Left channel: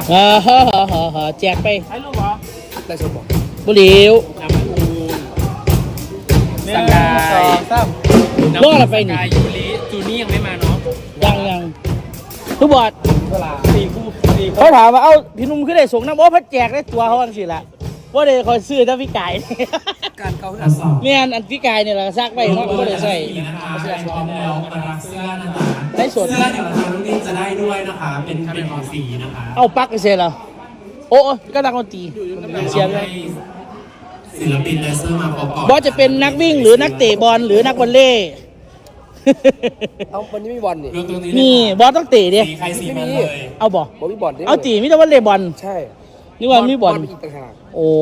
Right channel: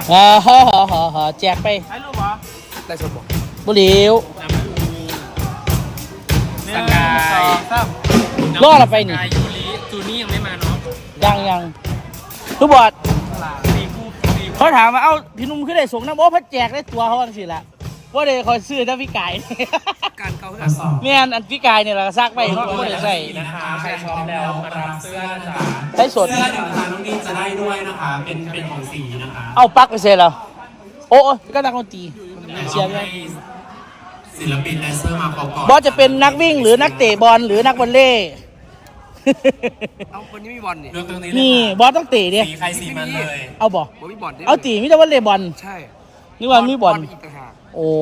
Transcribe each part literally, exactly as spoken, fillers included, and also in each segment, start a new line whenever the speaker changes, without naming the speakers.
อ่าฮ่าฮ่าฮ่าฮ่าแจกไป
ใช้รูปเหรอได้สมบูรณ์
บุหรี่
น้ำมันอูสกายสาม
รอดละไปนี่
สกายยูริจูนี่ยังไม่มาเนาะ
ยังยังทุกบอด
เวลาสี่คู่สี่คู่
เขาถามว่าเอ้าพี่นุ่มขึ้นได้ส่งน้ำโอ้พัดแจกได้ตัวเขาบ้างสิละว่าเดี๋ยวคอยซื้อถ้าพี่ไก่
การเกาขึ้นอันสอง
เนี่ยอันพี่ไก่เนี่ยเราซักไปเขาไม่ได้ใส่
นะคะใครพร้อมแล้วมารับเสื้อนะคะ
ใช้สด
เสื้อหนึ่งพันลูกนี้จะได้ด้วยนะคะ เป็นเป็นของสีนะคะ
เอาปักเสร็จแล้วโอ้ก็นักดนตรีเชียร์เลย
ศิลปินแดนเซอร์มาประกอบบ
อสจะเป็นนักวิ่งหรือนักเตะบอลหรือนักวอลเลย์
เอาวันนี้มีบอลนี่
เรื่องตรงนี้
นี่บอสต้องเตะดิ
สีใครสีมันเลย
เอาบ่
บอลมีบอลได้
เอาตีมิแต่วอลเลย์บอล
ใช่
นี่ว่ามีบอล
อีกต่างหาก
โอ้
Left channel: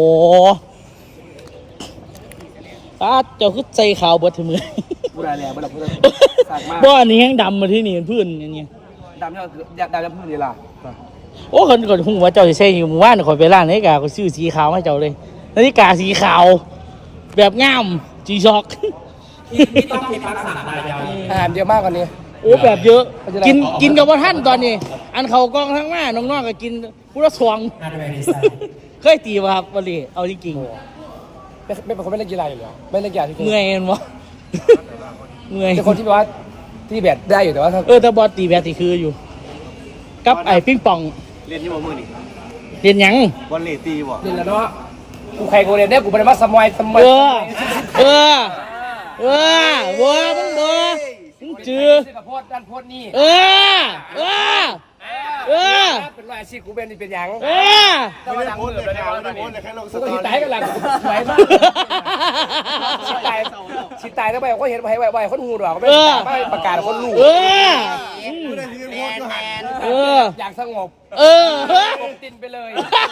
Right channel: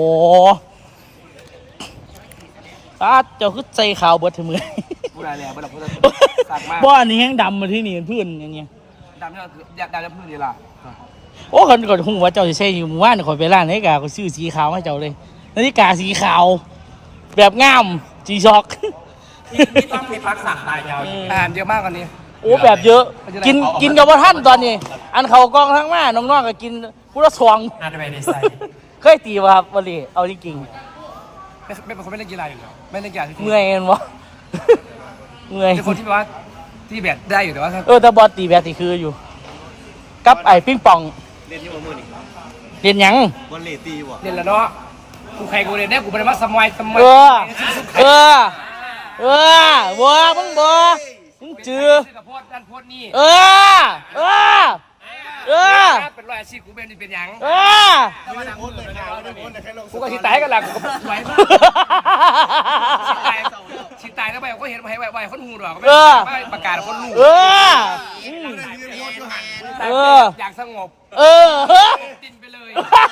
ป้าเจ้าคือใจขาวเบิดเถอะมือ
บูราแรงบูราพูดสากมาก
บ่อันนี้แห้งดำมาที่นี่พื้นอันนี้
ดำเนี่ยคืออยากดำแล้วเพื่อนนี่ล่ะ
โอ้คนก่อนคงว่าเจ้าจะใช้อยู่หมู่บ้านข่อยไปร้านนาฬิกาก็ซื้อสีขาวให้เจ้าเลยนาฬิกาสีขาว แบบงามจีช็อก
ที่ที่ต้องมีรักษาลายยาวอีก
อาหารเยอะมากกว่านี้
โอ้แบบเยอะ กินกินกับว่าท่านตอนนี้ อันเขากองทั้งมาน้องๆก็กินพุทธสวง
น่าจะเป็นดีไซน์
เคยตีป่ะครับวันนี้เอาจริง
ไม่ไม่เป็นคนไม่เล่นกีฬาอยู่แล้วไม่เล่นกีฬาที่
ๆเมื่อยเห็นบ่ เมื่อย
เป็นคนที่แบบว่าที่แบดได้อยู่แต่ว่าถ้า
เออแต่บอลตีแบบตีคืออยู่ กับไอ้ปิ้งปอง
เล่นที่บอลมือนี่
เรียนหยัง
บอลเลตีบ่
เล่นแล้วเนาะกูใครกูเล่นได้กูเป็นมาสมัยสมัย
เออ เออ เออบัวมึงบัวมึงจือ
กับโพดด้านโพดนี่
เออ เออ เออ
เป็นรอยอาชีพกูเป็นนี่เป็นหยัง
เออ
แต่ว่าหนังมือเลยนะกูก็สิตายกันหลังกูไหวมากสิตายสิตายแล้วไปก็เห็นไปไปไปคนหูดอกไม่ประกาศคนรู้
เออ เออ
อยากสงบ
เออ
ตินไปเลย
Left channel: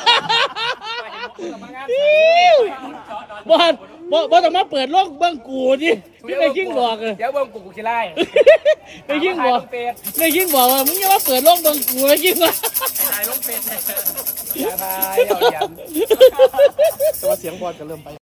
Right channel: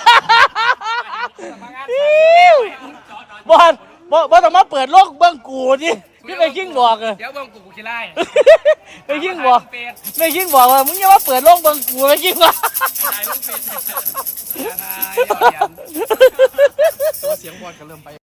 บอลบอลบอลต้องมาเปิดโลกเบื้องกูดิพี่ไปยิ่งบอกเลย
เดี๋ยวเบิ่งกูกูขี้ไล่
ไปยิ่งบอกไปยิ่งบอกว่ามึงอย่ามาเปิดโลกเบื้องกูเลยยิ่งว่า
ตายล้มเป็ดอย่าตายเอาเหรียญตัวเสียงบอลกันเริ่มไป